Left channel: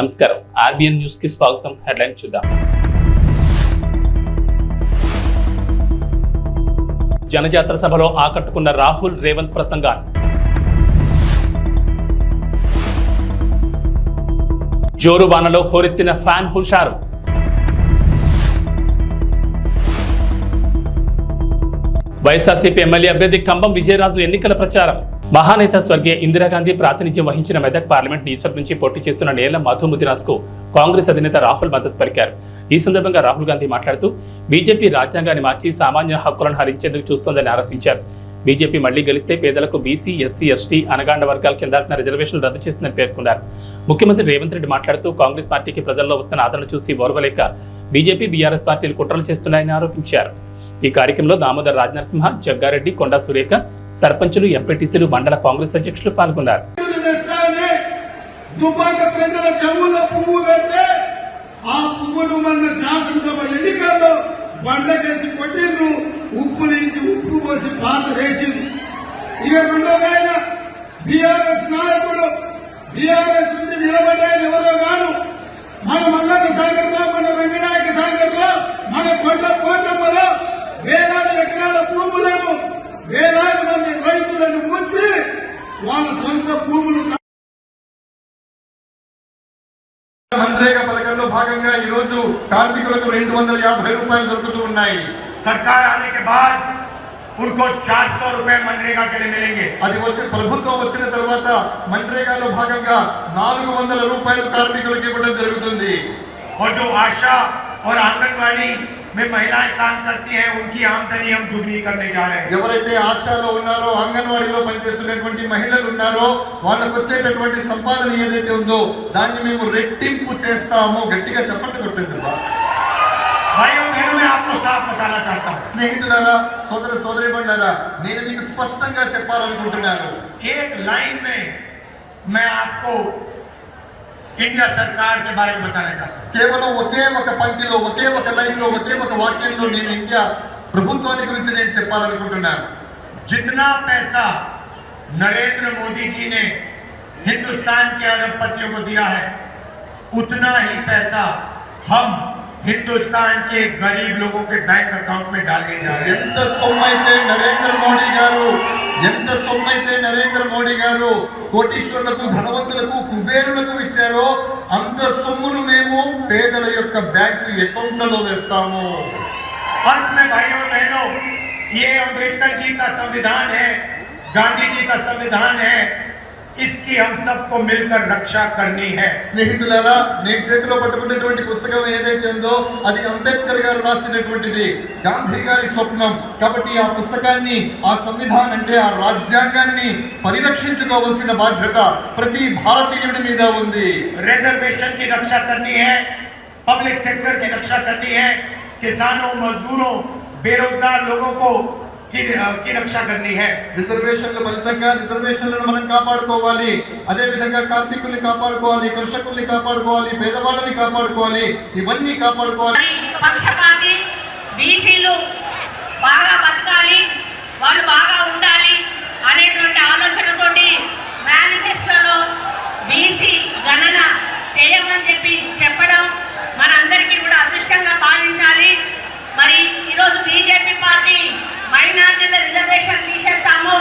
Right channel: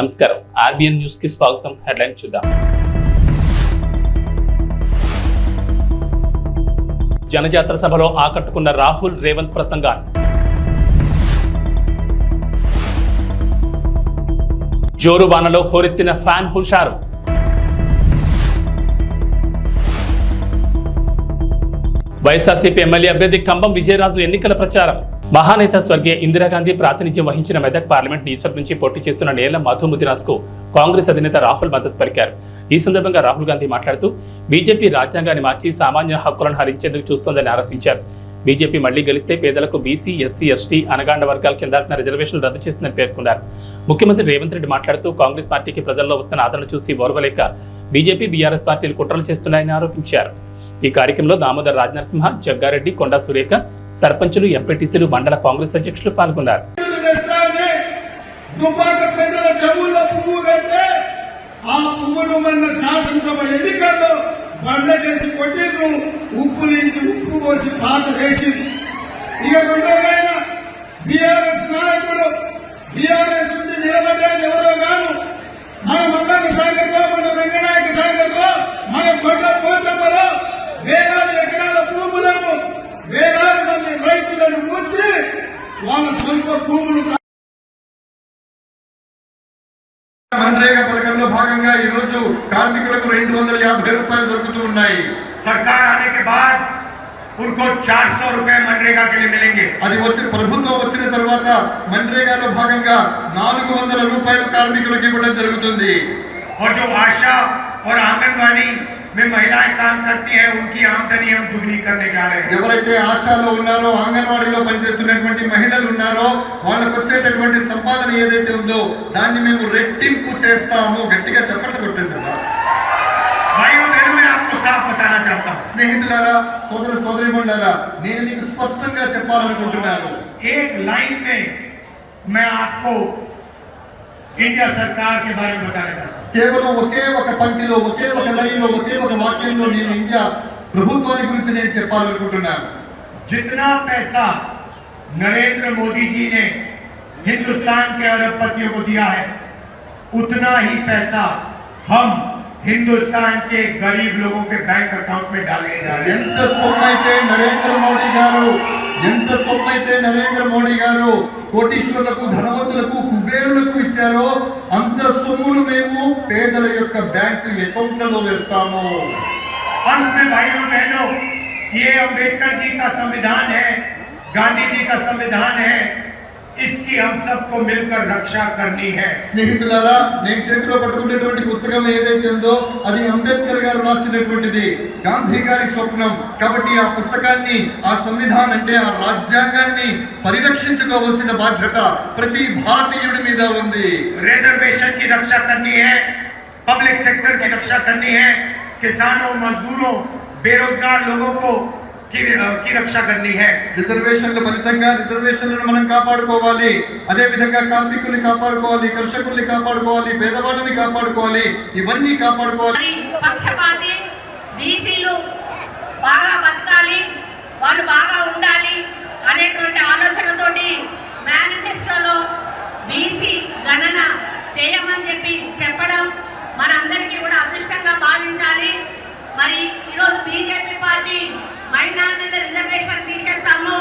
నమస్కారం, RBN news కి స్వాగతం. హెడ్లైన్ చూద్దాం. జనజాతర సభలో ఆకట్టుకున్న రాహుల్ రేవంత్ ప్రసంగాలు. జోరు వానలో హోరెత్తిన ఫ్యాన్ హుషారు. వైఎస్ఆర్సీపీ ఎమ్మెల్యే అభ్యర్థి కంబం విజయరాజు ఎన్నికల ప్రచారం. మహానేత స్వర్గీయ ఇందిరాగాంధీ ప్రాతినిధ్యం వహించిన మెదక్ పార్లమెంట్ నియోజకవర్గం నుంచి పోటీ చేస్తున్న నేల మధు ముదిరాజ్ కు కాంగ్రెస్ అధినేత రాహుల్ మద్దతు పలికారు. ఈ సందర్భంగా రాహుల్ గాంధీ మాట్లాడుతూ బీజేపీ రాజ్యాంగాన్ని మార్చి సామాన్య హక్కులను హరించేందుకు చూస్తోందని ఆరోపించారు. బీజేపీ మళ్లీ గెలిస్తే పేదలకు బీసీ, ఎస్సీ, ఎస్టీ, అనగాండ వర్గాల కింద రిజర్వేషన్లు రద్దు చేస్తుందని పేర్కొన్నారు. ముఖ్యమంత్రి రేవంత్ రెడ్డి మాట్లాడుతూ కాంగ్రెస్ పార్టీకి ప్రజల్లో వస్తున్న ఆదరణ చూసి ఓర్వలేక బీజేపీ, బీఆర్ఎస్ పార్టీలు కుట్రలు చేస్తున్నాయని ఆరోపించారు. ఈ కార్యక్రమంలో దామోదర్ రాజనరసింహ, జగ్గారెడ్డి, కొండా సురేఖ, సర్పంచులు, ఎంపీటీసీలు, మండల కాంగ్రెస్ అధ్యక్షులు పాల్గొన్నారు. వేలాది ఎకరాల భూములను, వేలాది మంది రైతులను ముంచి వాళ్ళ సొంత భూములు. मनरेगा పథకంలో భాగంగా ఈ రోజు కార్మికులకు 250 రూపాయలు దొరుకుతూ ఉన్నాయి. सरकार आने के बाद उनको 400 रुपए मनरेगा के लिए मिलेंगे. అది వచ్చే ప్రభుత్వం వచ్చిన తర్వాత मनरेगाలో భాగంగా 400 రూపాయలు కార్మికులకు ఇవ్వడం జరుగుతుంది. और जो आशा और आंगनवाड़ी में महिलाएं काम करती हैं, उनकी आमदनी हम दुगनी करने जा रहे हैं. ఎవరైతే ఆశాలో ఉన్నారో, అంగన్వాడీలో పనిచేస్తున్నటువంటి మహిళలు ఉన్నారో వాళ్ళకు వచ్చేటటువంటి సంపాదన ఏదైతే ఉందో దాన్ని మేము రెట్టింపు చేస్తాము. గట్టిగా చెప్పండి కొట్టండి. भाइयों बहनों, मैं आपको साफ बताना चाहता हूँ. స్నేహితులారా, సోదర సోదరీమణులారా, నేను మీకు స్పష్టంగా చెప్పాలనుకుంటున్నాను. एक लाइन में मैं आपको इंडिया सरकार के बारे में बताना चाहता हूँ. కేవలం ఒకే ఒక పంక్తిలో, ఒకే ఒక లైన్లో, ఒకే ఒక వాక్యంలో నేను ఇండియా ప్రభుత్వాన్ని గురించి నేను చెప్పాలనుకుంటున్నాను. जितना पैसा नरेंद्र मोदी जी ने हिंदुस्तान के अरबपतियों को दिया है, उतना ही पैसा हम हिंदुस्तान के गरीब लोगों के बैंक अकाउंट में डालने जा रहे हैं. ఎంత సొమ్మైతే నరేంద్ర మోడీ గారు కోటీశ్వరులకు, ధనవంతులకు, కుబేరులకు ఇచ్చారో అంత సొమ్మును మేము పేదల యొక్క బ్యాంకు అకౌంట్లలో వేస్తాము. अंत में भाइयों बहनों, ये अंबेडकर जी का संविधान है, गांधी जी का संविधान है, इसकी हम सबको मिलकर रक्षा करनी है. స్నేహితులారా, నేను చేతిలో పట్టుకున్నటువంటి పుస్తకం ఏదైతే ఉందో అది అంబేద్కర్ గారు రాసినటువంటిది, గాంధీ గారి స్వప్నం. కాబట్టి ఆ పుస్తకాన్ని, ఆ సంవిధానం అంటే ఆ రాజ్యాంగాన్ని పరిరక్షించుకోవాల్సిన బాధ్యత ప్రతి భారతీయుడి మీద ఉంది. रिजर्वेशन की रक्षा करनी है, पब्लिक सेक्टर की रक्षा करनी है, किसानों, मजदूरों, बेरोजगार लोगों को की रक्षा करनी है. రిజర్వేషన్ల ఫలితంగా రిజర్వేషన్లను మనం కాపాడుకోవాలి. అదే విధంగా కార్మికుల్ని కాపాడుకోవాలి, కర్షకుల్ని కాపాడుకోవాలి, పేదవాళ్ళని కాపాడుకోవాలి. ఇవన్నీ కాపాడుకోవాలి. పక్షపాతి బీసీలు బాగా బతకాలి, వాళ్ళు బాగా ఉండాలి అనేటువంటి ఆలోచనతోటి మేనిఫెస్టోలో బీసీ గణన చేయమని చెప్పడం మనందరికీ కూడా అదృష్టంగా భావించాలి. మరి ఈరోజు బీజేపీ పార్టీ మైనార్టీల రిజర్వేషన్ తీసేస్తాము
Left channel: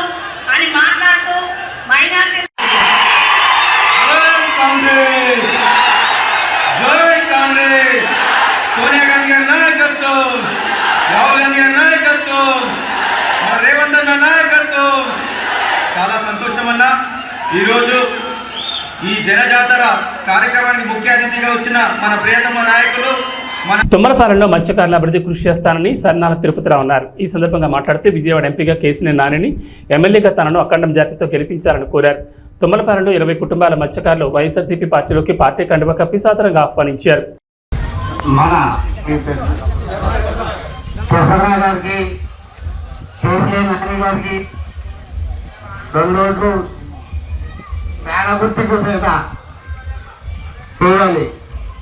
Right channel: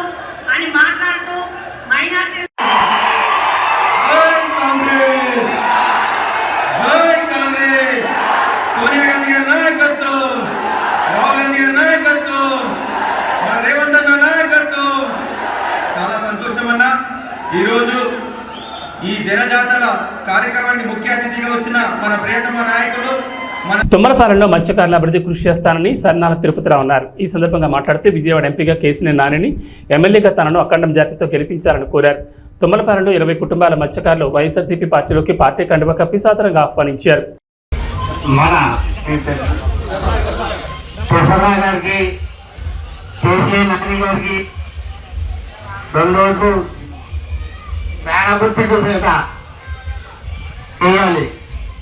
అని మాట్లాడుతూ మైనార్టీ సోనియా గాంధీ గారి నాయకత్వం, రాహుల్ గాంధీ గారి నాయకత్వం, మన రేవంత్ అన్న నాయకత్వం. చాలా సంతోషం అన్న. ఈరోజు ఈ జనజాతర కార్యక్రమానికి ముఖ్య అతిథిగా వచ్చిన మన ప్రియతమ నాయకులు తుమ్మలపాలెంలో మత్స్యకారుల అభివృద్ధి కృషి చేస్తానని సన్నాల తిరుపతిరావు అన్నారు. ఈ సందర్భంగా మాట్లాడుతూ విజయవాడ ఎంపీగా కేసీఆర్ నానిని, ఎమ్మెల్యేగా తనను అఖండ మెజార్టీతో గెలిపించాలని కోరారు. తుమ్మలపాలెంలో 20 కుటుంబాల మత్స్యకారులు వైఎస్ఆర్సీపీ పార్టీలోకి పార్టీ కండువా కప్పి సాదరంగా ఆహ్వానించారు.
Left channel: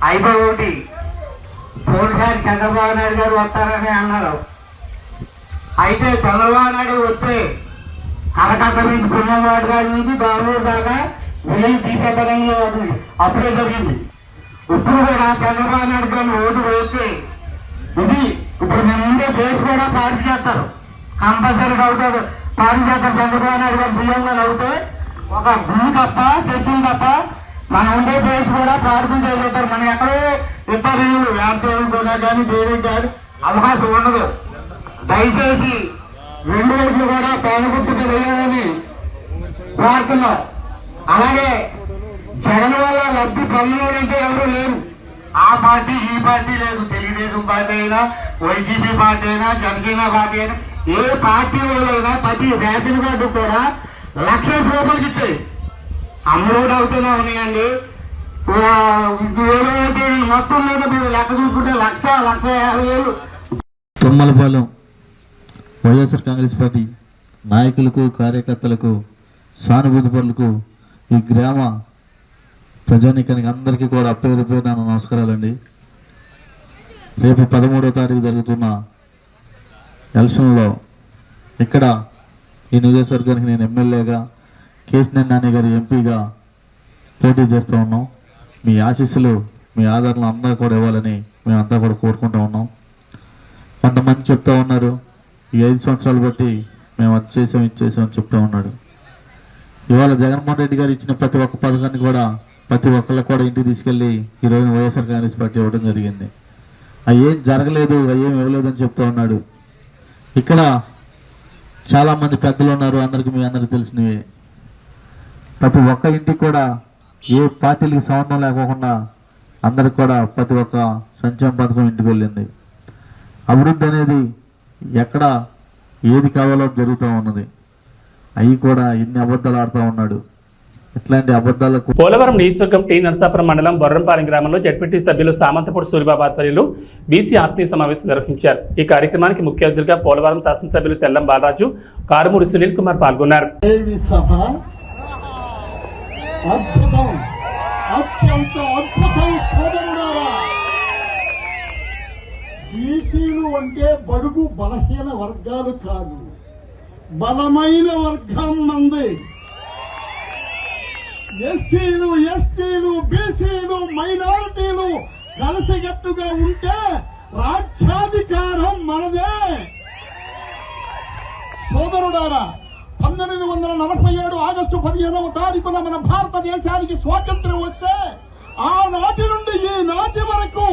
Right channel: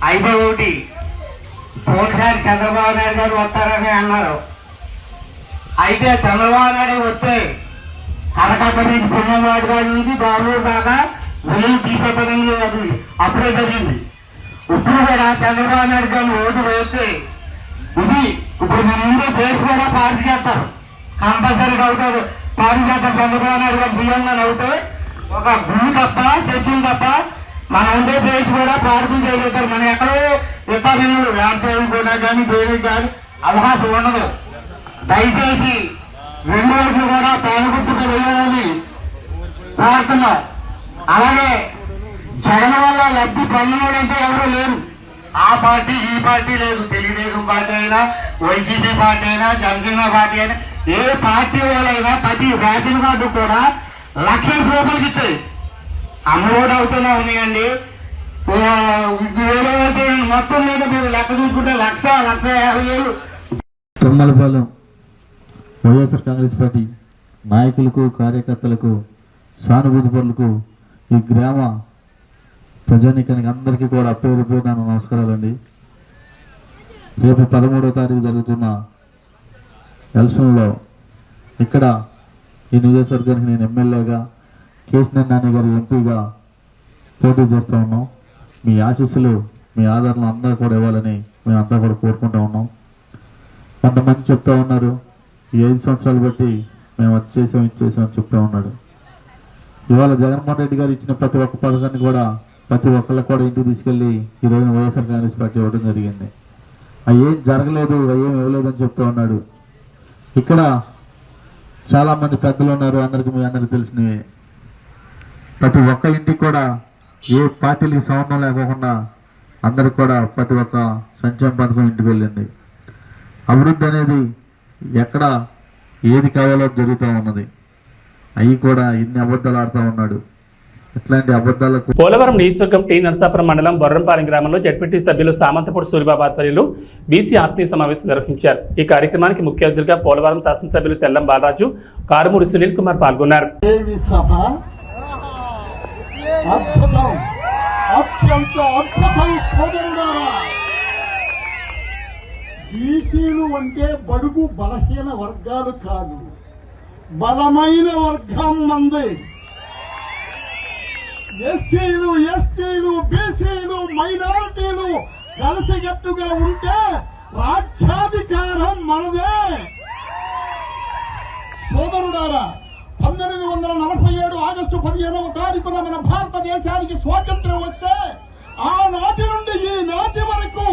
అయితే ఒకటి పోయినసారి చంద్రబాబు నాయుడు గారు వస్తారని అన్నారు. అయితే చంద్రబాబు నాయుడు వస్తే కలకత్తా నుంచి పుణ్యవాడ గారి నుంచి బెంగళూరు దాకా వెయ్యి తీసేపడంగా అప్పుడే జరిగింది. ఇప్పుడు కూడా చంద్రబాబు నాయుడు గారిని ఓటు వేస్తే ఇది ఇప్పుడు మన ముందే బేస్ కూడా పార్టీ చేస్తారు, కంపల్సరీగా అవుతారు. పార్టీ చేస్తారు. చంద్రబాబు నాయుడు గారు సీఎంగా అవుతే ఒక భూమి తప్ప చర్చలు తప్ప మన ఉండే బేస్ కూడా పార్టీ చేయగలుగుతారు. మనం ఎక్కడో ఇతర రాజ్యాలు కూడా కానీ దేవి కానీ అవకాశం ఉండదు. దయచేసి 2 ఓట్లు కూడా పేదగుట్టుకు వెళ్ళాలని ప్రార్థన. అలాగే జగన్ వల్ల లబ్ధి పొందడంటే ఎవరు లేరు. ఆ పార్టీ ఈ పార్టీ లేదు. తెలుగుదేశం పార్టీ అయినా, వైసీపీ పార్టీ అయినా, జనసేన పార్టీ అయినా, ఏ పార్టీ వాళ్ళైనా ప్రతి రేషన్ కార్డు కూడా 1,00,000 రూపాయలకి ఇస్తాయి. అమ్మఒడి అవుతూనే ఉన్నాయండి. వేరే మొత్తం మీద మీరు లెక్క చూసుకుంటే 1,50,000 తుమ్మలపాలెం వైఎస్ఆర్ కాంగ్రెస్ పార్టీ నాయకులకు, కార్యకర్తలకు, సానుభూతి పరులకు, ఈ గ్రామ ప్రజానీకానికి అందరికీ కూడా పేరు పేరున నమస్కారాలండి. రేపు 13వ తారీఖు జరుగుతున్న ఎలక్షన్లో ఇక్కడ ఈ నియోజకవర్గానికి నేను ఎమ్మెల్యేగా, కేశినేని నాని గారి ఎంపీగా పోటీ చేస్తూ ఉన్నాం. మీ ఆశీస్సులు, మీ ఆదరణ అందరూ కూడా ఇవ్వాలని మేమంతా కూడా కోరుకుంటూ ఉన్నాం. కొంతమంది చెప్తా ఉన్నారు, ఈ 5 సంవత్సరాలు బట్టి మేము అది చేసాం, ఇది చేసాం అని చెప్తా ఉన్నాడు. ఇవాళ జగన్మోహన్ రెడ్డి గారు ఇచ్చిన ప్రతి ఒక్క పథకాన్ని కూడా ప్రతి ఒక్కళ్ళకి కూడా ఇంటికి తీసుకెళ్ళి ఈరోజు వైఎస్ఆర్ కాంగ్రెస్ పార్టీ ఇవ్వడం జరిగింది. అవి ఏం జరగలేదు, అవి ఏం ఇవ్వలేదు అని చెప్తూ ఉన్నాడు. ఇక్కడ చాలామంది పెద్దలు ఉన్నారు, మీ అందరికీ తెలిసినవి. ప్రతి ఒక్క ఇంటికి కూడా ఏ పార్టీలకి సంబంధం లేకోకుండా అందరికి కూడా ప్రతి ఒక్క సంక్షేమ పథకం ఇంటికి వెళ్ళింది. అభివృద్ధి అనేది ఎక్కడ ఏది కావాలో జరుగుతూ ఉన్నది. అవి కూడా ఇన్ని అబద్ధాలు ఆడుతూ ఉన్నాడు. ఇట్లాంటి అబద్ధాలకు పోలవరం నియోజకవర్గం టీ నరసాపురం మండలం బొర్రంపాలెం గ్రామంలో జడ్పీటీ సభ్యులు సామంతపూడి సూరిబాబు ఆధ్వర్యంలో బీసీ ఆత్మీయ సమావేశం నిర్వహించారు. ఈ కార్యక్రమానికి ముఖ్య అతిథిగా పోలవరం శాసనసభ్యులు తెల్లం బాలరాజు, కారుమూరి సునీల్ కుమార్ పాల్గొన్నారు. బీసీలు అంటే బడుగు బలహీన వర్గాలు కాదు, బలమైన వర్గం మంది. ఎస్సీలు, ఎస్టీలు, బీసీలు, మైనారిటీలు కలిసికట్టుగా ఉంటే రాజ్యాధికారం మనదే. సోదరుడారా, 1947 ఆగస్టు 15వ తారీఖున మన భారతదేశానికి స్వాతంత్ర్యం వస్తే ఆనాటి నుండి ఈనాటి వరకు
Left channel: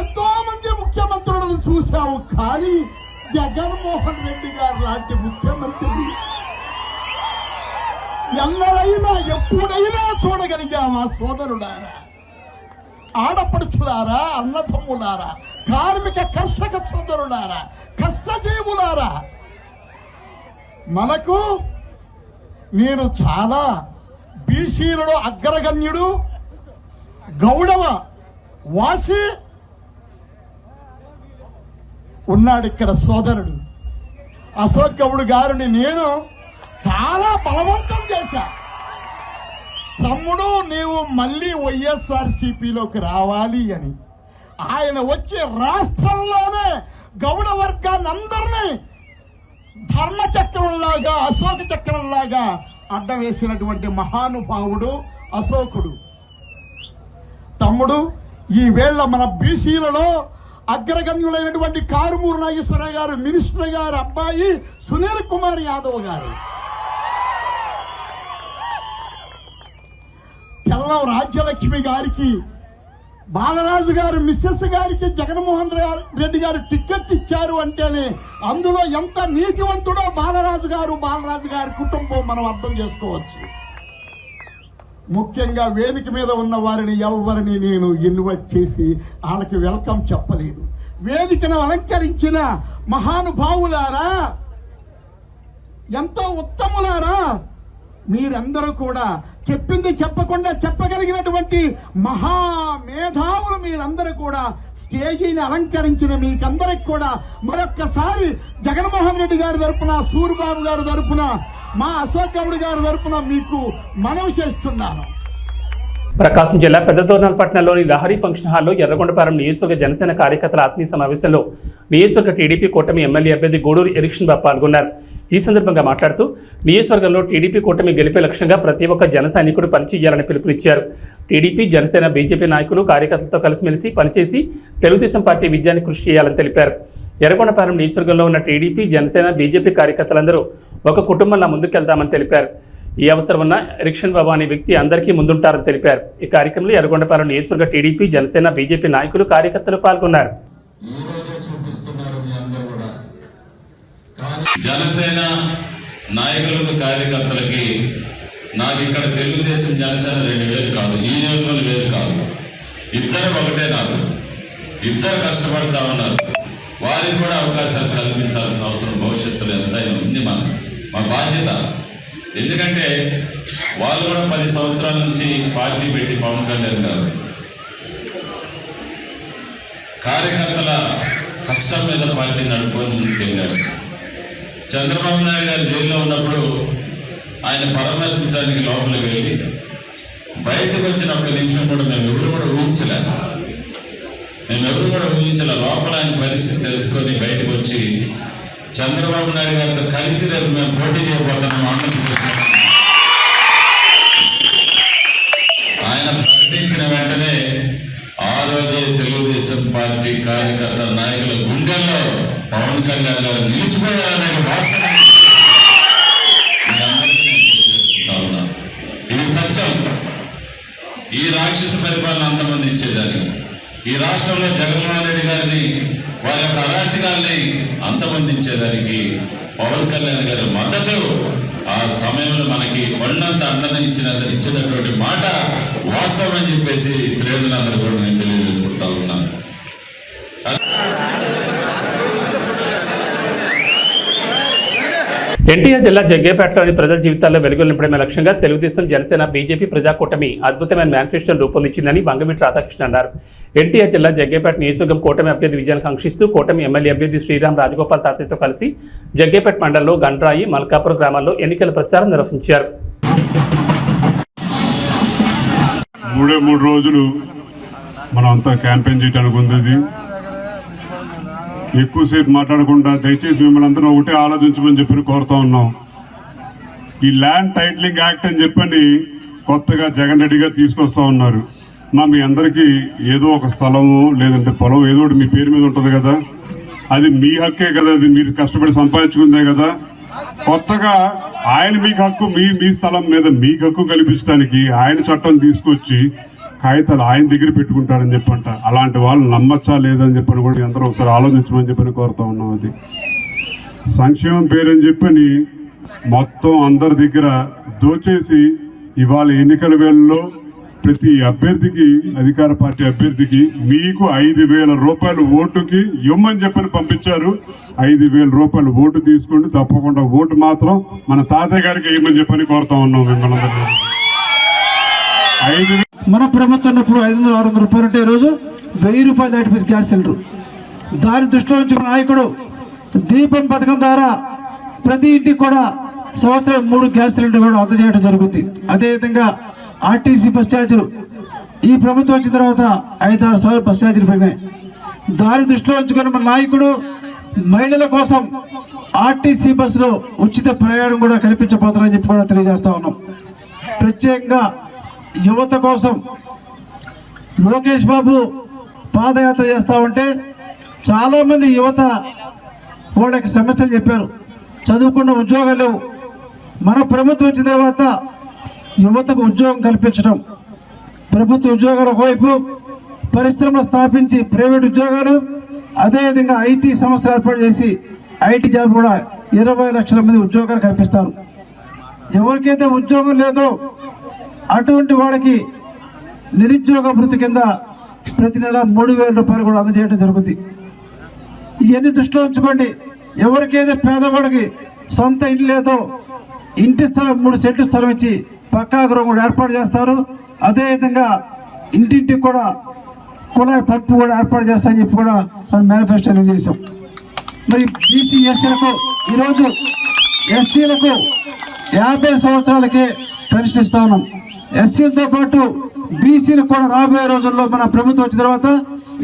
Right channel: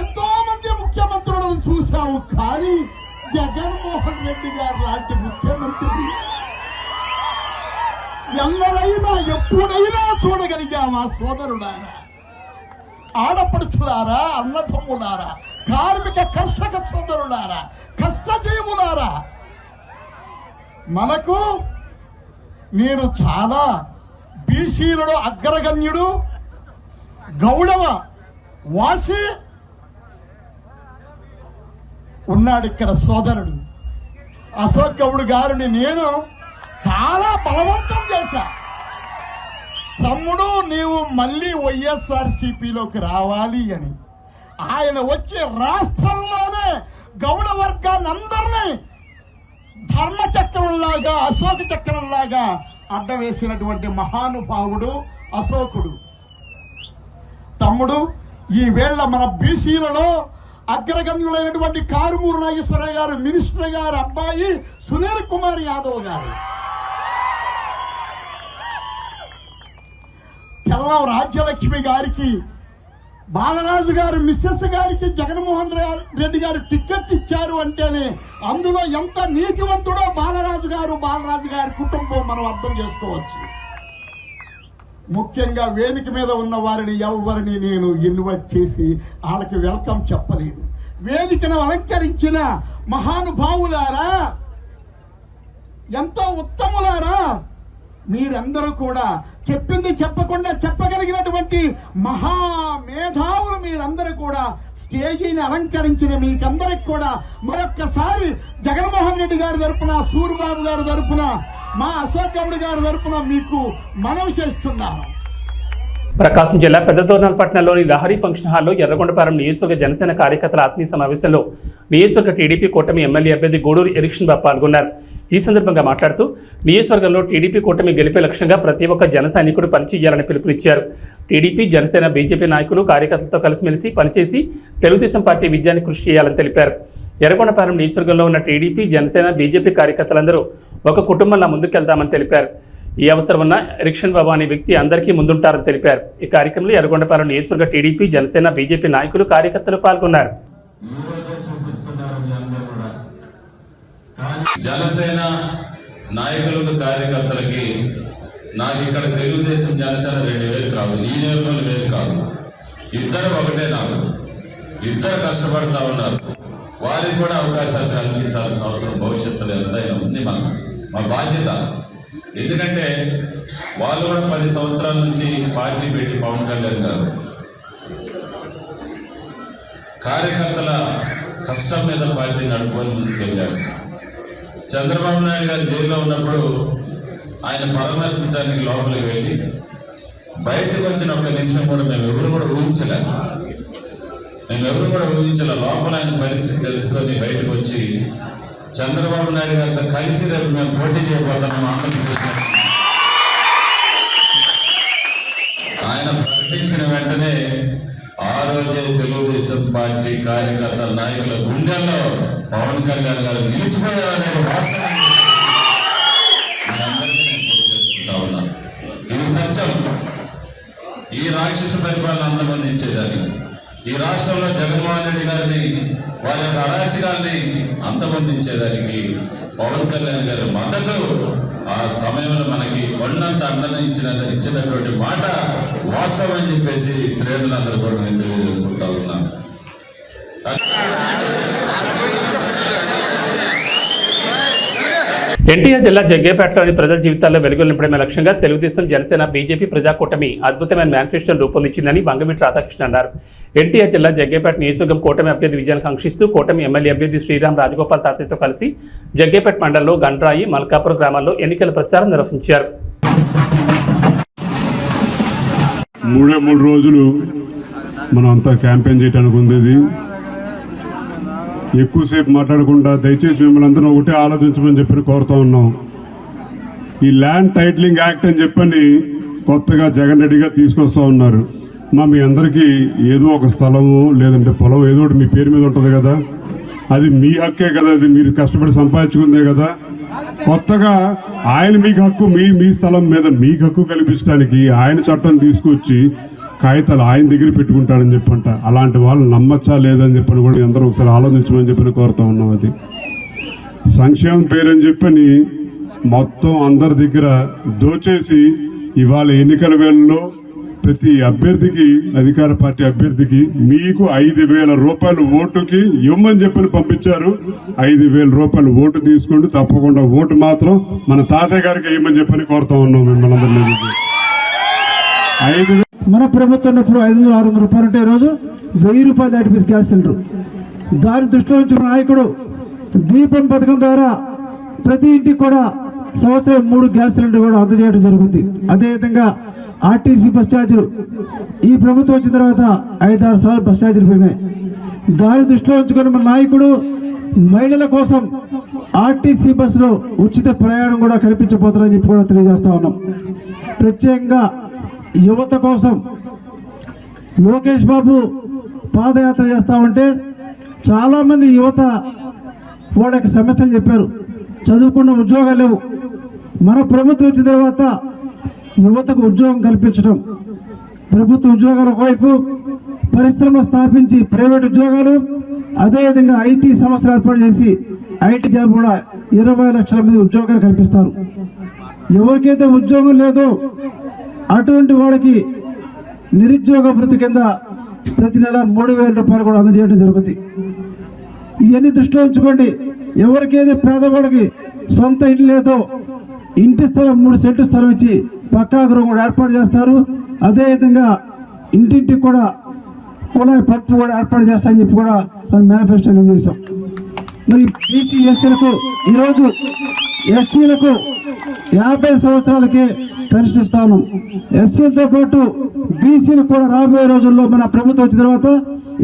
ఎంతో మంది ముఖ్యమంత్రులను చూశాము. కానీ జగన్మోహన్ రెడ్డి గారు లాంటి ముఖ్యమంత్రి ఎన్నడైనా ఎప్పుడైనా చూడగలిగామా? సోదరులారా, ఆడపడుచులారా, అన్నదమ్ములారా, కార్మిక కర్షక సోదరులారా, కష్టజీవులారా, మనకు నేను చాలా బీసీలలో అగ్రగణ్యుడు, గౌడవ వాసి ఉన్నాడు ఇక్కడ సోదరుడు అశోక్ గౌడ్ గారిని నేను చాలా బలవంతం చేశా. తమ్ముడు, నీవు మళ్ళీ వైఎస్ఆర్సీపీలోకి రావాలి అని. ఆయన వచ్చి రాష్ట్రంలోనే గౌడ వర్గాన్ని అందరినీ ధర్మచక్రంలాగా, అశోక చక్రంలాగా అడ్డం వేసినటువంటి మహానుభావుడు అశోకుడు. తమ్ముడు, ఈ వేళ మన బీసీలలో అగ్రగణ్యులైనటువంటి కారుమూరు నాగేశ్వరరావు గారు, మినిస్టర్ గారు అబ్బాయి సునీల్ కుమార్ యాదవ్ గారు, తెల్లం రాజ్యలక్ష్మి గారికి, బాలరాజు గారు మిస్సెస్ గారికి జగన్మోహన్ రెడ్డి గారు టికెట్ ఇచ్చారు అంటేనే అందులో ఎంత నీతివంతుడో బాలరాజు గారి కుటుంబం మనం అర్థం చేసుకోవచ్చు. ముఖ్యంగా వేదిక మీద ఉన్న వారిని ఎవరిని నేను ఇన్వైట్ చేసి వాళ్ళకి వెల్కమ్ చెప్పలేదు. వేదికను అలంకరించిన మహానుభావులారా, ఎంతో ఉత్తములారా, మీరందరూ కూడా చెప్పింది చెప్పకుండా చెప్పగలిగినటువంటి మహామేధావులు మీరందరూ కూడా స్టేజీని అలంకరించిన మీకందరికి కూడా మరొక్కసారి జగన్మోహన్ రెడ్డి గారి తరపున, సూరిబాబు గారి తరపున, మా అశోక్ గౌడ్ గారి తరపున మీకు మనవి చేస్తున్నాను. ప్రకాశం జిల్లా పెద్దదోర్నాలపట్నంలోని లహరి ఫంక్షన్ హాల్లో ఎర్రగొండపాలెం నియోజకవర్గ జనసేన కార్యకర్తల ఆత్మీయ సమావేశంలో నియోజకవర్గ టీడీపీ కూటమి ఎమ్మెల్యే అభ్యర్థి గూడూరు ఎరిక్షన్ బాబు పాల్గొన్నారు. ఈ సందర్భంగా మాట్లాడుతూ నియోజకవర్గంలో టీడీపీ కూటమి గెలిపే లక్ష్యంగా ప్రతి ఒక్క జన సైనికుడు పనిచేయాలని పిలుపునిచ్చారు. టీడీపీ, జనసేన, బీజేపీ నాయకులు కార్యకర్తలతో కలిసిమెలిసి పనిచేసి తెలుగుదేశం పార్టీ విజయాన్ని కృషి చేయాలని తెలిపారు. ఎర్రగొండపాలెం నియోజకవర్గంలో ఉన్న టీడీపీ, జనసేన, బీజేపీ కార్యకర్తలందరూ ఒక కుటుంబంలా ముందుకెళ్తామని తెలిపారు. ఈ అవసరం ఉన్న ఎరిక్షన్ బాబు అనే వ్యక్తి అందరికీ ముందుంటారని తెలిపారు. ఈ కార్యక్రమంలో ఎర్రగొండపాలెం నియోజకవర్గ టీడీపీ, జనసేన, బీజేపీ నాయకులు కార్యకర్తలు పాల్గొన్నారు. జనసేన నాయకులకు కార్యకర్తలకి నాకు ఇక్కడ తెలుగుదేశం జనసేన 2 వేలు కాదు, ఈ నియోజకవర్గంలో వేరు కాదు, ఇద్దరు ఒకటే. నాకు ఇద్దరు కష్టపడతా ఉన్నారు. వారికి కూడా అవకాశాలు కల్పించాల్సిన అవసరం భవిష్యత్తులో ఎంతైనా ఉంది. మా బాధ్యత. ఎందుకంటే వాళ్ళు కూడా 10 సంవత్సరాల నుంచి పార్టీ పెట్టి పవన్ కళ్యాణ్ గారు కార్యకర్తల కష్టం మీద పార్టీ నడుపుకొని ముందుకెళ్ళాడు. చంద్రబాబు నాయుడు గారు జైల్లో ఉన్నప్పుడు ఆయన పరామర్శించడానికి లోపలికి వెళ్ళి బయటకు వచ్చిన 1 నిమిషం కూడా మేమెవరు కూడా ఊహించలే. లోపల ఆయన పరిస్థితి తెలుసుకొని బయటకు వచ్చి చంద్రబాబు నాయుడు గారితో కలిసి రేపు మేము పోటీ చేయబోతున్నాం ఆంధ్రప్రదేశ్. ఆయన ప్రకటించిన వెంటనే ఆ రోజే తెలుగుదేశం పార్టీ కార్యకర్త నాయకుల గుండెల్లో పవన్ కళ్యాణ్ గారు నిలిచిపోయారనే వాస్తవం ఇది సత్యం. ఈ రాక్షస పరిపాలన అంతమందించేదాన్ని, ఈ రాష్ట్రంలో జగన్మోహన్ రెడ్డి గారిని వారి యొక్క అరాచకాల్ని అంతమందించేదానికి పవన్ కళ్యాణ్ గారి మద్దతు ఆ సమయంలో మనకి కొండంత అండగా ఇచ్చినటువంటి మాట వాస్తవం అని చెప్పేసి శ్రేణులందరూ కూడా నేను తెలియజేసుకుంటా ఉన్నాను. ఎన్టీఆర్ జిల్లా జగ్గేపేటలోని ప్రజల జీవితాల్లో వెలుగులు నింపడమే లక్ష్యంగా తెలుగుదేశం, జనసేన, బీజేపీ ప్రజాకూటమి అద్భుతమైన మేనిఫెస్టోను రూపొందించిందని బంగమిటి రాధాకృష్ణ అన్నారు. ఎన్టీఆర్ జిల్లా జగ్గేపేట నియోజకవర్గం కూటమి అభ్యర్థి విజయాన్ని కాంక్షిస్తూ కూటమి ఎమ్మెల్యే అభ్యర్థి శ్రీరామ్ రాజగోపాల్ తాతయ్యతో కలిసి జగ్గేపేట మండలంలో గండ్రాయి, మల్కాపురం గ్రామాల్లో ఎన్నికల ప్రచారం నిర్వహించారు. 3 రోజులు మనం అంతా క్యాంపెయిన్ చేయడానికి ఉంది. ఎక్కువసేపు మాట్లాడకుండా దయచేసి మిమ్మల్ని అందరూ ఒకటే ఆలోచించమని చెప్పి కోరుతా ఉన్నాం. ఈ ల్యాండ్ టైటిలింగ్ యాక్ట్ అని చెప్పని కొత్తగా జగన్ రెడ్డి గారు తీసుకొస్తా ఉన్నారు. మీ అందరికీ ఏదో ఒక స్థలము లేదంటే పొలం ఏదో ఒకటి మీ పేరు మీద ఉంటుంది కదా, అది మీ హక్కే కదా, అది మీరు కష్టపడి సంపాదించుకుందే కదా. కొత్తగా ఆయన మీకు హక్కు, మీ స్థలం మీద మీకు హక్కు కల్పించడానికి ఆయన చట్టం తీసుకొచ్చి కాగితాలు ఆయన దగ్గర పెట్టుకుంటారని చెప్పంట. అలాంటి వాళ్ళు నమ్మచ్చా లేదని చెప్పని కూడా అందరూ ఒకసారి ఆలోచించమని చెప్పని కోరుతా ఉన్నాం. అది సంక్షేమం పేరని చెప్పని మొత్తం అందరి దగ్గర దోచేసి ఇవాళ ఎన్నికల వేళల్లో ప్రతి అభ్యర్థికి, అధికార పార్టీ అభ్యర్థికి మీకు 5,000 రూపాయలు ఓటుకి ఇవ్వమని చెప్పని పంపించారు. 5,000 రూపాయలు ఓటు తీసుకోండి, తప్పకుండా ఓటు మాత్రం మన తాతయ్య గారికి ఇవ్వమని చెప్పని కోరుతా ఉన్నాం మిమ్మల్ని అందరినీ. 5,000 మన ప్రభుత్వం ఇప్పుడు 500-600 రూపాయలు ఉంటే ఈరోజు 1000 రూపాయలు దాటిపేసి గ్యాస్ సిలిండర్. దాని దృష్టిలో ఉంచుకున్న నాయకుడు దీపం పథకం ద్వారా ప్రతి ఇంటికి కూడా సంవత్సరం 3 గ్యాస్ సిలిండర్ కూడా అందజేయడం జరుగుతుంది. అదేవిధంగా ఆర్టీసీ బస్ ఛార్జీలు ఈ ప్రభుత్వం వచ్చిన తర్వాత 5-6 సార్లు బస్ ఛార్జీలు పెరిగినాయి. దాని దృష్టిలో ఉంచుకున్న మన నాయకుడు మహిళల కోసం ఆర్టీసీ బస్సులో ఉచిత ప్రయాణం కూడా కల్పించబోతారని చెప్పి కూడా తెలియజేస్తా ఉన్నాం. ప్రత్యేకంగా యువత కోసం లోకేష్ బాబు పాదయాత్ర చేస్తా ఉంటే చాలామంది యువత వాళ్ళ యొక్క సమస్యలు చెప్పారు. చదువుకున్న ఉద్యోగాలు లేవు. మన ప్రభుత్వం వచ్చిన తర్వాత యువతకు ఉద్యోగం కల్పించడం, ప్రభుత్వ ఉద్యోగాలు ఒకవైపు, పరిశ్రమ స్థాపించి ప్రైవేట్ ఉద్యోగాలు, అదేవిధంగా ఐటీ సంస్థలు ఏర్పాటు చేసి ఐటీ జాబ్ కూడా 20 లక్షల మంది ఉద్యోగాలు కల్పిస్తారు. ఎవరికైతే ఉద్యోగం లేదో అటువంటి వాళ్ళకి నిరుద్యోగ భృతి కింద ప్రతి నెల 3,000 రూపాయలు కూడా అందజేయడం జరుగుతుంది. ఇవన్నీ దృష్టిలో ఉంచుకోండి. ఎవరికైతే పేదవాళ్ళకి సొంత ఇంటి లేదో ఇంటి స్థలం 3 సెంట్లు స్థలం ఇచ్చి పక్కా గృహం కూడా ఏర్పాటు చేస్తారు. అదేవిధంగా ఇంటింటికి కూడా కుళాయి పప్పు కూడా ఏర్పాటు చేస్తామని చెప్పి కూడా మనం మేనిఫెస్టోలో చేసాం. మరి బీసీ ఎస్సీలకు ఈరోజు ఎస్సీలకు 50 సంవత్సరాలకే పెన్షన్ ఇస్తా ఉన్నాం. ఎస్సీలతో పాటు బీసీలకు కూడా రాబోయే రోజుల్లో మన ప్రభుత్వం వచ్చిన తర్వాత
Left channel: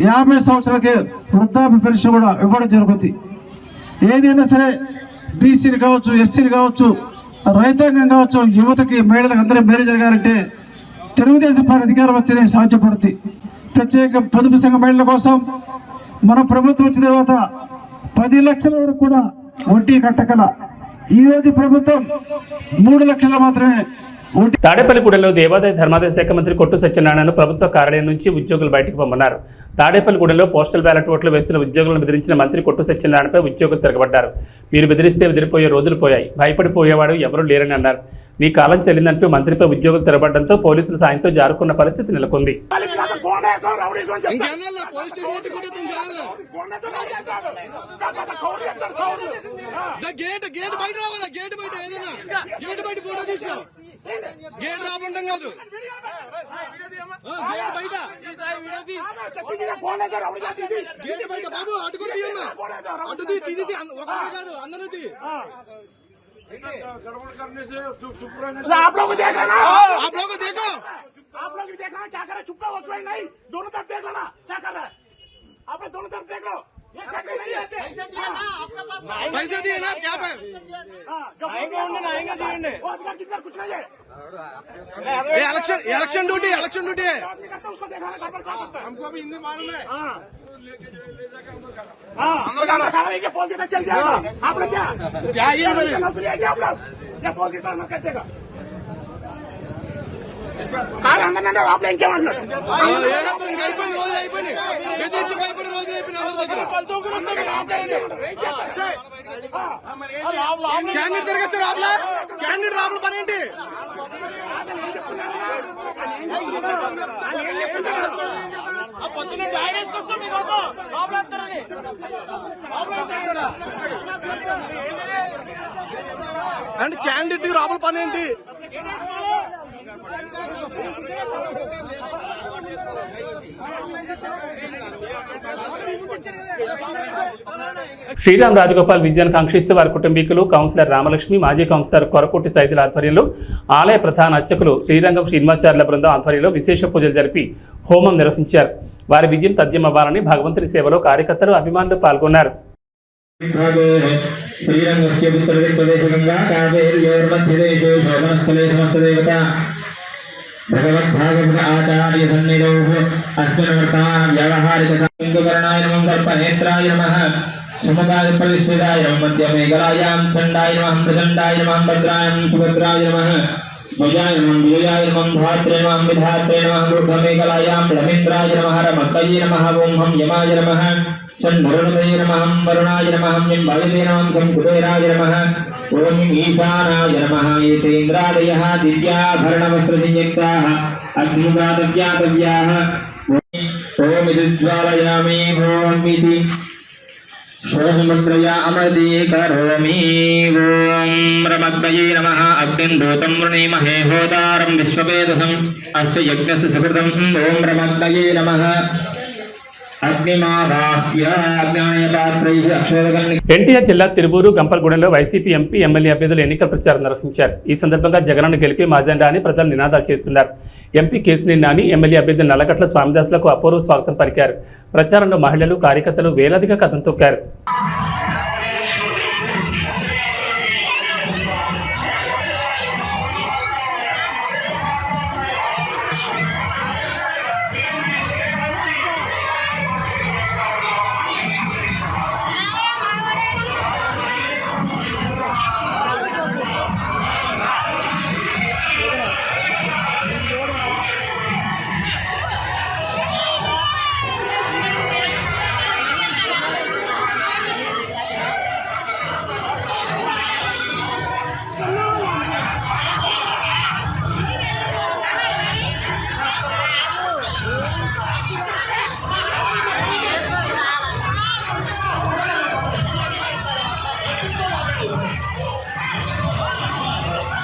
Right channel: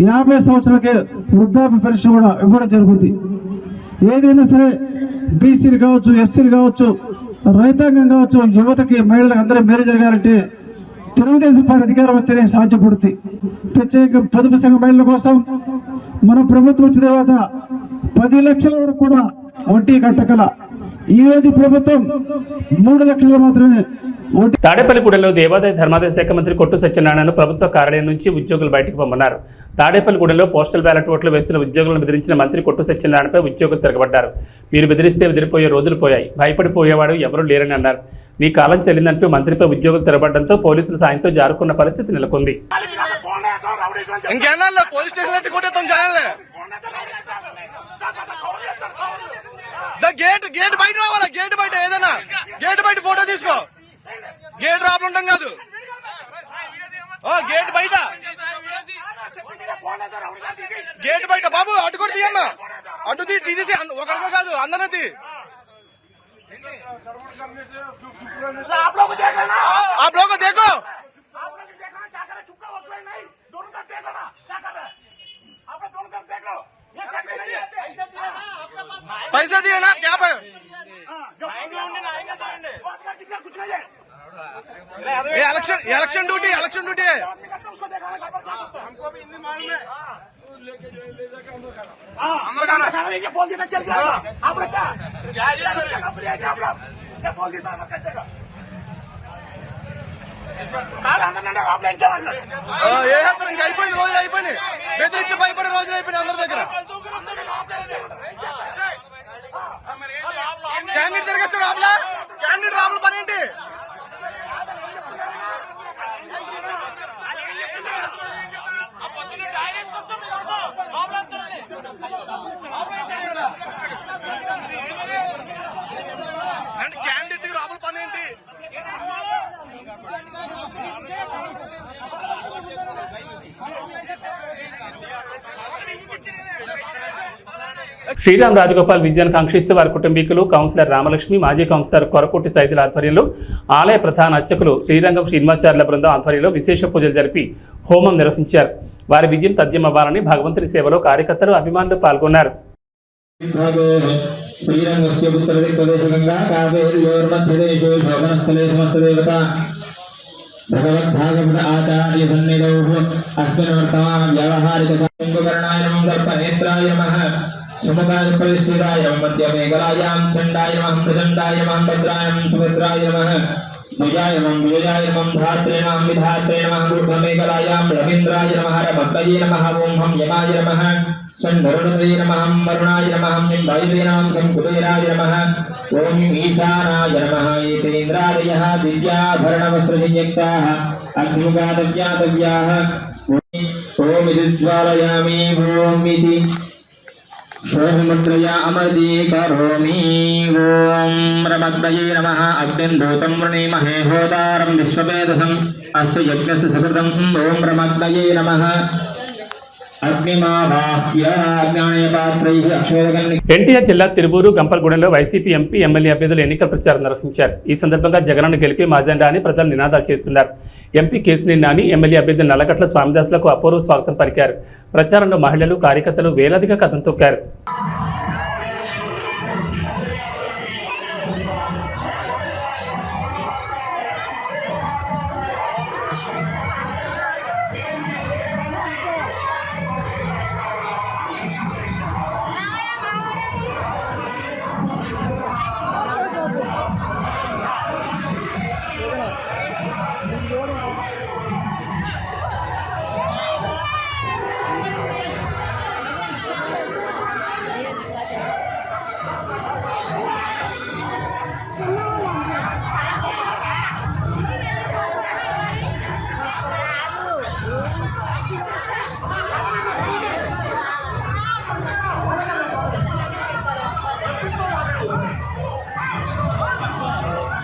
50 సంవత్సరాలకే వృద్ధాప్య పెన్షన్ కూడా ఇవ్వడం జరుగుతుంది. ఏదైనా సరే బీసీలు కావచ్చు, ఎస్సీలు కావచ్చు, రైతాంగం కావచ్చు, యువతకి, మహిళలకు అందరూ మేలు జరగాలంటే తెలుగుదేశం పార్టీ అధికారం వస్తేనే సాధ్యపడుతుంది. ప్రత్యేక పొదుపు సంఘ మహిళల కోసం మన ప్రభుత్వం వచ్చిన తర్వాత 10 లక్షల వరకు కూడా వడ్డీ కట్టగల. ఈ రోజు ప్రభుత్వం 3 లక్షలు మాత్రమే. తాడేపల్లిగూడెంలో దేవాదాయ ధర్మాదాయ శాఖ మంత్రి కొట్టు సత్యనారాయణను ప్రభుత్వ కార్యాలయం నుంచి ఉద్యోగులు బయటకు పంపన్నారు. తాడేపల్లిగూడెంలో పోస్టల్ బ్యాలెట్ ఓట్లు వేస్తున్న ఉద్యోగులను బెదిరించిన మంత్రి కొట్టు సత్యనారాయణపై ఉద్యోగులు తిరగబడ్డారు. మీరు బెదిరిస్తే బెదిరిపోయే రోజులు పోయాయి, భయపడిపోయేవాడు ఎవరూ లేరని అన్నారు. మీ కాలం చెల్లిందంటూ మంత్రిపై ఉద్యోగులు తిరగబడడంతో పోలీసుల సాయంతో జారుకున్న పరిస్థితి నెలకొంది. గేట్ బయట రావాలా, గేట్ బయట ఏదైనా గేట్ బయట ఫోటో తీసుకో. గేట్ రాబడి ఉంటాం కాదు, గేట్ బయట, గేట్ బయట బాబు అటు కూడా తీయమ్మా, అటు తీసేసి ఒకరితో కాదు అందరూ తీ. आप लोग को देखो, पैसा दिए ना क्या पे इलेक्शन ड्यूटी है, हमको भी हिंदी मालूम है. चल जाएगा आप लोग क्या ఏ హత్రం ఇంకా అయిపోయింది, రోజులు అయిపోయింది, బెదిరించి భయపడే రోజులు అయిపోయినాయి అందరి దగ్గర. క్యాండిడేట్ తిరగచ్చు రాబులా, క్యాండిడేట్ రాబుల పని ఏంటి? అండ్ క్యాండిడేట్ రాబుల పని ఏంటి? శ్రీరామ్ రాజగోపాల్ విజయాన్ని కాంక్షిస్తూ వారి కుటుంబీకులు, కౌన్సిలర్ రామలక్ష్మి, మాజీ కౌన్సిలర్ కొరకుట్టి సైదుల ఆధ్వర్యంలో ఆలయ ప్రధాన అర్చకులు శ్రీరంగం శ్రీనివాచార్యుల బృందం ఆధ్వర్యంలో విశేష పూజలు జరిపి హోమం నిర్వహించారు. వారి విజయం తథ్యమవ్వాలని భగవంతుని సేవలో కార్యకర్తలు, అభిమానులు పాల్గొన్నారు. శ్రీరంగస్య ఉత్తరదిక్ప్రదేశగంగా కావేర్యోర్మధ్యదేశే శోభనస్థలే సమస్తదేవతా భగవద్భాగవత ఆచార్య సన్నిధౌ అస్మిన్ వర్తమాన వ్యావహారికర్ణాయ నమః, కల్పనేత్రాయ నమః, సుముఖాయ ప్రవిష్టితాయ నమః, మధ్యమేకలాయాం చండాయ నమః, ప్రచండాయ నమః, భద్రాయం సుభద్రాయ నమః, భుజాయ నమః, విజయాయ నమః, ధాత్రే నమః, విధాత్రే నమః, మూఢమేకలాయాం రవీంద్రాయ నమః, రమత్తయే నమః, ఓం హం యమాయ నమః, షణ్వరుణదే నమః, వరుణాయ నమః, నింబాయదే నమః, కుబేరాయ నమః, ఓం ఈశానాయ నమః. ఏతేంద్రాదయః దివ్యాభరణవస్త్రసంయుక్తాః అగ్నిముఖాదవ్యాతవ్యాః. ఓం విద్జ్వాలయామి ఓం ఇతి శోభముద్రయా అమృతీకరోమి. ఓం రమగ్నయే నమః. అగ్నిందూతం వృణీమహే హోతారం విశ్వవేదసం అస్య యజ్ఞస్య సుకృతం. ఓం రమగ్నయే నమః. ఎన్టీఆర్ జిల్లా తిరువూరు, గంపలగూడెంలో వైసీపీ ఎంపీ, ఎమ్మెల్యే అభ్యర్థులు ఎన్నికల ప్రచారం నిర్వహించారు. ఈ సందర్భంగా జగన్ను గెలిపి మాజెండా అని ప్రజలు నినాదాలు చేస్తున్నారు. ఎంపీ కేసినేని నాని, ఎమ్మెల్యే అభ్యర్థి నల్లగట్ల స్వామిదాసులకు అపూర్వ స్వాగతం పలికారు. ప్రచారంలో మహిళలు, కార్యకర్తలు వేలాదిగా కథం తొక్కారు.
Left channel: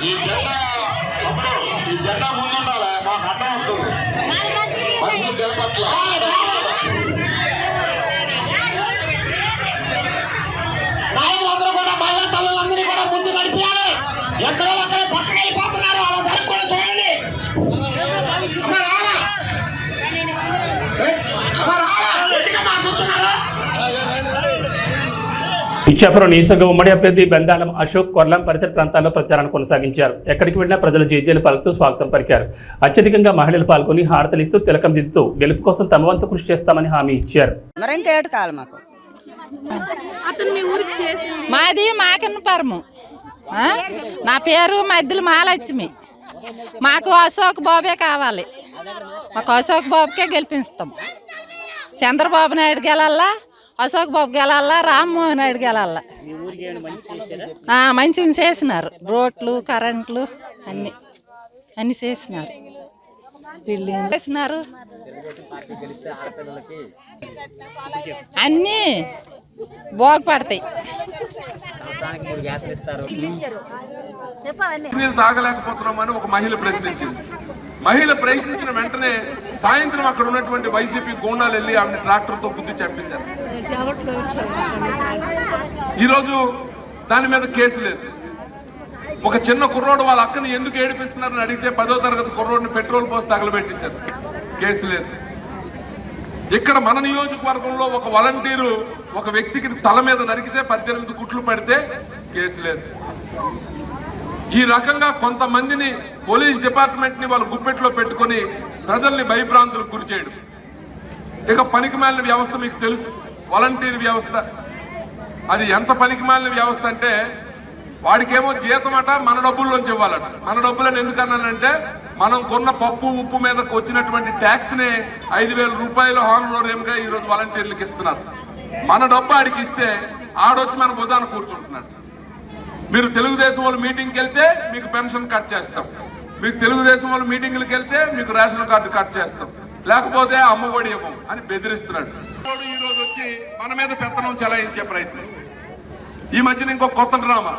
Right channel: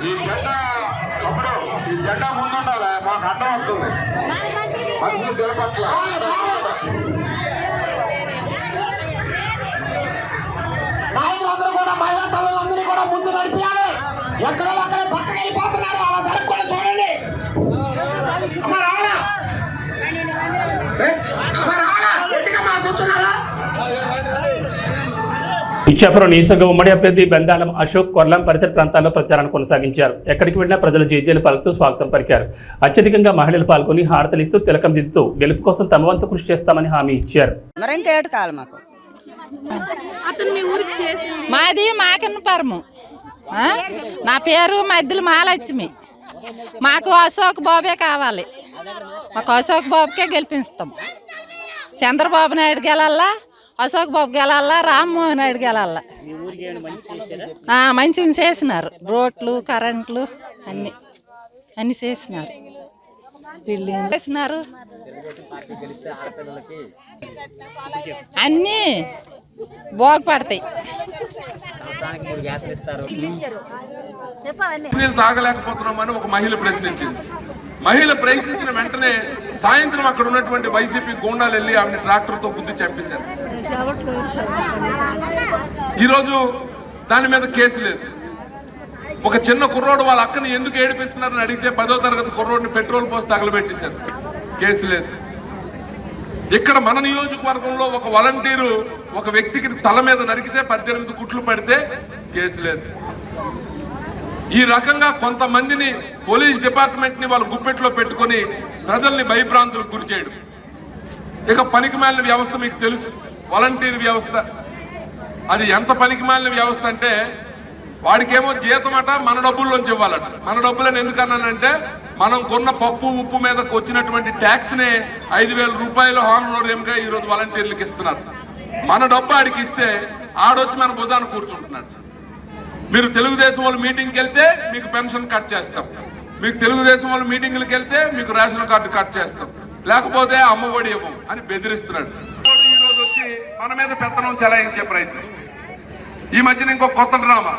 ఈ జెండా ముందుండాలి, మాకు అడ్డం వస్తుంది. మంచి గెలపట్ల నాయకులందరూ కూడా, మహిళా తల్లులందరూ కూడా ముందు నడిపించాలి. ఎక్కడో అక్కడే పక్కన వెళ్ళిపోతున్నారు, అలా జరగకుండా చూడండి. ఇచ్చాపురం నియోజకవర్గ ఉమ్మడి అభ్యర్థి బెందాళం అశోక్ కొర్లాం పరిసర ప్రాంతాల్లో ప్రచారాన్ని కొనసాగించారు. ఎక్కడికి వెళ్లినా ప్రజలు జేజేలు పలుకుతూ స్వాగతం పలికారు. అత్యధికంగా మహిళలు పాల్గొని హారతలిస్తూ తిలకం దిద్దుతూ గెలుపు కోసం తమ వంతు కృషి చేస్తామని హామీ ఇచ్చారు. మాది మాకన్నపురము. నా పేరు మధ్యలో మాలక్ష్మి. మాకు అశోక్ బాబే కావాలి. మాకు అశోక్ బాబుకే గెలిపిస్తాం. చంద్రబాబు నాయుడు గెలల్లా, అశోక్ బాబు గెలల్లా, రామ్మోహన్ నాయుడు గెలల్లా. మంచిగా చేసినారు. రోడ్లు, కరెంట్లు అన్ని చేసినారు. బిల్డింగ్ చేసినారు. అన్నీ బాగుపడతాయి. నీళ్ళు తాగలేకపోతున్నామని ఒక మహిళ ప్రశ్నించింది. మహిళ ప్రశ్నించిన వెంటనే సాయంత్రం అక్కడ ఉన్నటువంటి వైసీపీ గూండాలు వెళ్ళి ఆమెను ట్రాక్టర్తో గుద్ది చంపేశారు. ఈరోజు దాని మీద కేసు లేదు. ఒక చిన్న కుర్రోడు వాళ్ళ అక్కని ఎందుకు ఏడిపిస్తున్నారని అడిగితే 10వ తరగతి కుర్రోడిని పెట్రోల్ పోసి తగలబెట్టేశారు. కేసు లేదు. ఇక్కడ మన నియోజకవర్గంలో ఒక వాలంటీరు ఒక వ్యక్తికి తల మీద నరికితే 18 కుట్లు పడితే కేసు లేదు. ఈ రకంగా కొంతమందిని పోలీస్ డిపార్ట్మెంట్ ని వాళ్ళ గుప్పెట్లో పెట్టుకుని ప్రజల్ని భయభ్రాంతులకు గురి చేయడం. ఇక పనికిమాలిన వ్యవస్థ మీకు తెలుసు, వాలంటీర్ వ్యవస్థ. అది ఎంత పనికిమాలిన వ్యవస్థ అంటే వాడికేమో జీతం అట మన డబ్బుల్లోంచి ఇవ్వాలట. మన డబ్బులని ఎందుకన్నానంటే మనం కొన్న పప్పు ఉప్పు మీదకి వచ్చినటువంటి ట్యాక్స్ ని 5,000 రూపాయలు హానరేంగా ఈరోజు వాలంటీర్లకు ఇస్తున్నారు. మన డబ్బు ఆడికి ఇస్తే ఆడొచ్చి మన భుజాన్ని కూర్చుంటున్నాడు. మీరు తెలుగుదేశం వాళ్ళు మీటింగ్కి వెళ్తే మీకు పెన్షన్ కట్ చేస్తాం, మీకు తెలుగుదేశం వాళ్ళు మీటింగ్లకు వెళ్తే మీకు రేషన్ కార్డు కట్ చేస్తాం, లేకపోతే అమ్మఒడి ఇవ్వం అని బెదిరిస్తున్నాడు. ఈరోజు వచ్చి మన మీద పెత్తనం చెలాయించే ప్రయత్నం. ఈ మధ్యన ఇంకో కొత్త డ్రామా.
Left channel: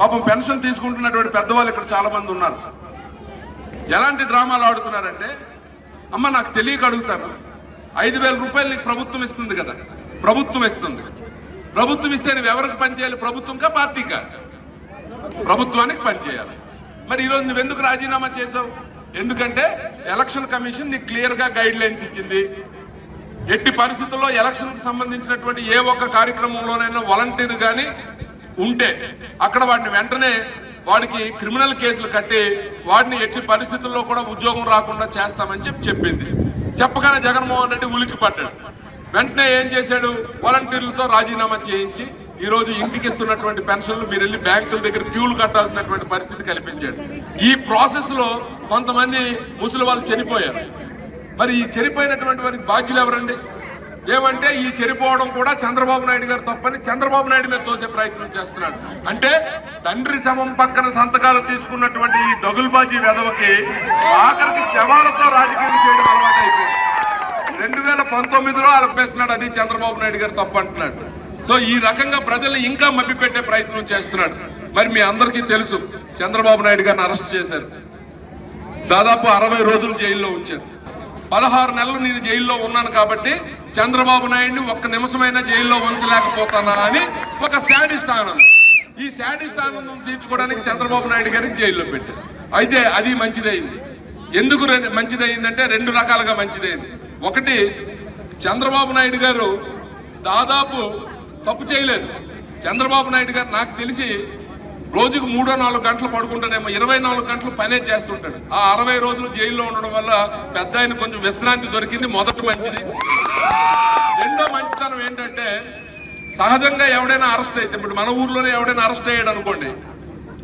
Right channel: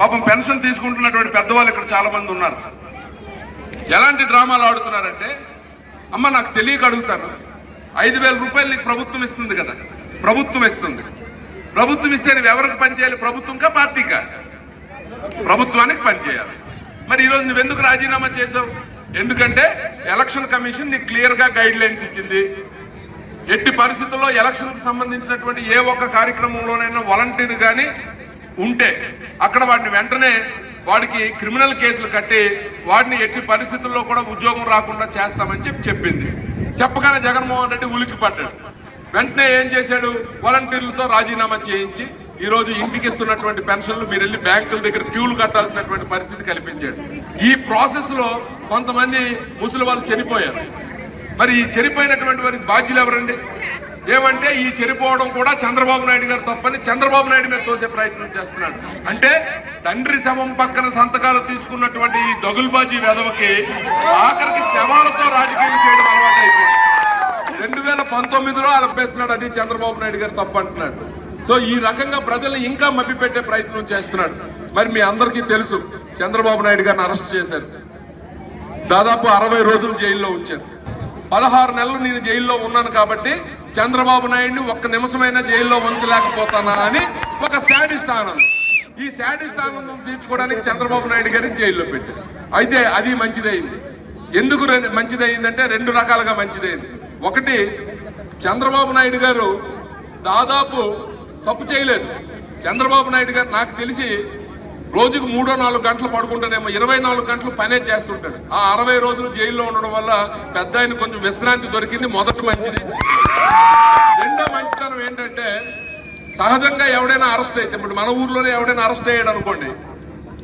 పాపం పెన్షన్ తీసుకుంటున్నటువంటి పెద్దవాళ్ళు ఇక్కడ చాలా మంది ఉన్నారు. ఎలాంటి డ్రామాలు ఆడుతున్నారంటే, అమ్మ నాకు తెలియక అడుగుతాను, 5,000 రూపాయలు నీకు ప్రభుత్వం ఇస్తుంది కదా, ప్రభుత్వం ఇస్తుంది. ప్రభుత్వం ఇస్తే నువ్వు ఎవరికి పనిచేయాలి? ప్రభుత్వంకా పార్టీకా? ప్రభుత్వానికి పనిచేయాలి. మరి ఈరోజు నువ్వెందుకు రాజీనామా చేశావు? ఎందుకంటే ఎలక్షన్ కమిషన్ నీకు క్లియర్గా గైడ్ లైన్స్ ఇచ్చింది. ఎట్టి పరిస్థితుల్లో ఎలక్షన్కి సంబంధించినటువంటి ఏ ఒక్క కార్యక్రమంలోనైనా వాలంటీర్ కానీ ఉంటే అక్కడ వాడిని వెంటనే వాడికి క్రిమినల్ కేసులు కట్టి వాడిని ఎట్టి పరిస్థితుల్లో కూడా ఉద్యోగం రాకుండా చేస్తామని చెప్పింది. చెప్పగానే జగన్మోహన్ రెడ్డి ఉలికి పడ్డాడు. వెంటనే ఏం చేశాడు? వాలంటీర్లతో రాజీనామా చేయించి ఈరోజు ఇంటికి ఇస్తున్నటువంటి పెన్షన్లు మీరు వెళ్ళి బ్యాంకుల దగ్గర క్యూలు కట్టాల్సినటువంటి పరిస్థితి కల్పించాడు. ఈ ప్రాసెస్ లో కొంతమంది ముసలి వాళ్ళు చనిపోయారు. మరి ఈ చనిపోయినటువంటి వారికి బాధ్యులు ఎవరండి? ఏమంటే ఈ చనిపోవడం కూడా చంద్రబాబు నాయుడు గారు తప్పని చంద్రబాబు నాయుడు మీద తోసే ప్రయత్నం చేస్తున్నాడు. అంటే తండ్రి శవం పక్కన సంతకాలు తీసుకున్నటువంటి ఈ దగుల్బాజీ వెధవకి ఆఖరికి శవాలతో రాజకీయం చేయడం అలవాటు అయిపోయింది. 2019లో అలపేస్తున్నాడు, అది చంద్రబాబు నాయుడు గారు తప్పు అంటున్నాడు. సో ఈ రకంగా ప్రజల్ని ఇంకా మభ్యపెట్టే ప్రయత్నం చేస్తున్నాడు. మరి మీ అందరికీ తెలుసు, చంద్రబాబు నాయుడు గారిని అరెస్ట్ చేశారు. దాదాపు 60 రోజులు జైల్లో ఉంచారు. 16 నెలలు నేను జైల్లో ఉన్నాను కాబట్టి చంద్రబాబు నాయుడిని ఒక్క నిమిషమైనా జైల్లో ఉంచలేకపోతానా అని ఒక శాడిస్ట్ ఆనందం. ఈ శాడిస్ట్ ఆనందం తీర్చుకోవడానికి చంద్రబాబు నాయుడు గారిని జైల్లో పెట్టారు. అయితే అది మంచిదైంది. ఎందుకు మంచిదైందంటే 2 రకాలుగా మంచిదైంది. ఒకటి, చంద్రబాబు నాయుడు గారు దాదాపు తప్పు చేయలేదు. చంద్రబాబు నాయుడు గారు నాకు తెలిసి రోజుకు 3-4 గంటలు పడుకుంటానేమో, 24 గంటలు పనే చేస్తుంటాడు. ఆ 60 రోజులు జైల్లో ఉండడం వల్ల పెద్ద ఆయన కొంచెం విశ్రాంతి దొరికింది. మొదటి మంచిది. రెండో మంచితనం ఏంటంటే, సహజంగా ఎవడైనా అరెస్ట్ అయితే, ఇప్పుడు మన ఊర్లోనే ఎవడైనా అరెస్ట్ అయ్యాడు అనుకోండి,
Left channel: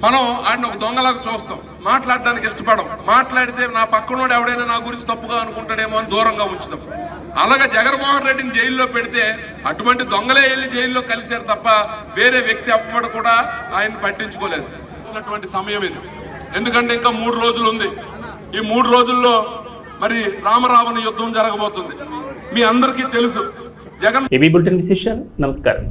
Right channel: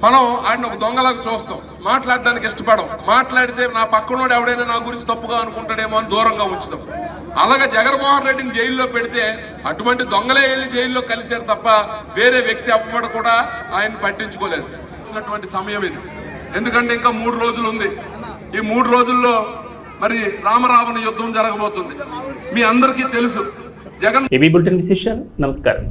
మనం ఆయన ఒక దొంగలాగా చూస్తాం, మాట్లాడడానికి ఇష్టపడం. మాట్లాడితే నా పక్కనోడు ఎవడైనా నా గురించి తప్పుగా అనుకుంటాడేమో అని దూరంగా ఉంచుతాం. అలాగే జగన్మోహన్ రెడ్డిని జైల్లో పెడితే అటువంటి దొంగలే వెళ్ళి జైల్లో కలిశారు తప్ప వేరే వ్యక్తి అవ్వడం కూడా ఆయన పట్టించుకోలేదు. సమయం ఇది. ఎందుకంటే ఇంకా 3 రోజులు ఉంది. ఈ 3 రోజుల్లో మరి రామరావణ యుద్ధం జరగబోతుంది. మీ అందరికీ తెలుసు. జగన్ ఏబీ బులెటిన్ విశేషాలు. నమస్కారం.